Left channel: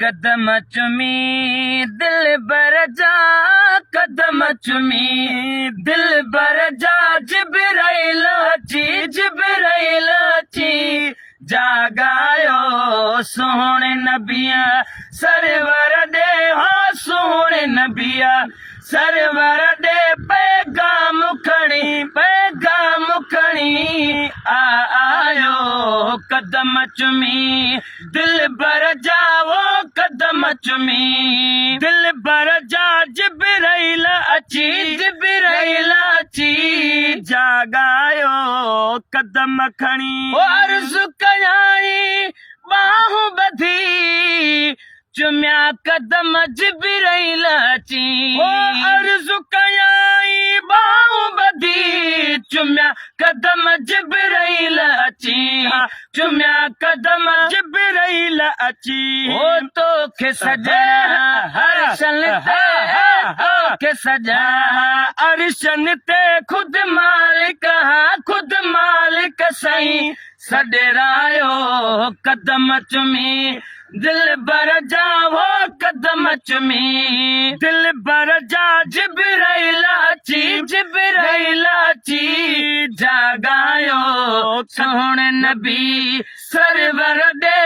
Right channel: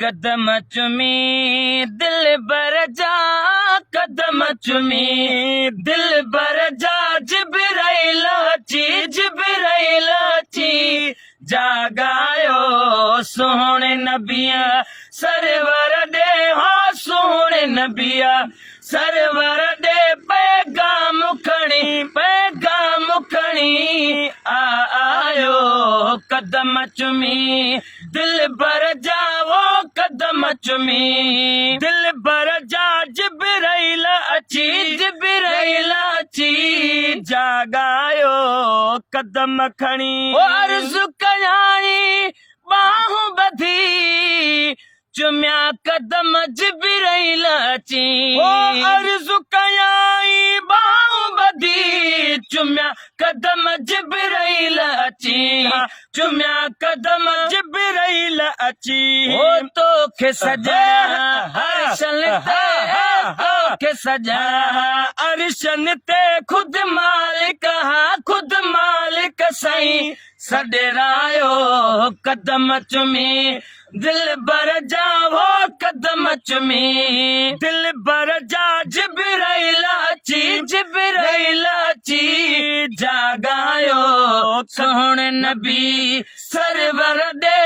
कदम चुमी दिल बर जा, कदम चुमी दिल बर जा, जिब्राइल अची जागायो सोहणे नबिया सरवर दे, हो सोहणे नबिया सरवर दे पैगाम खणी आयो कदम चुमी दिल बर जावो कदम चुमी दिल बर जा, जिब्राइल अची जागायो कदम खणी अर्ज़ु कयाई बाहूं बधी चुमिया कदम जिब्राइल अची अर्ज़ु कयाई बाहूं बधी चुमिया कदम जिब्राइल अची चुमिया कदम जिब्राइल अची ओ तोखे सजना हर्षन के सजा अर्शन ते खुद मालिक सही सडेरायो कदम चुमी दिल बर जावो कदम चुमी दिल बर जा, जिब्राइल अची जागायो सोहणे नबी सरवर दे।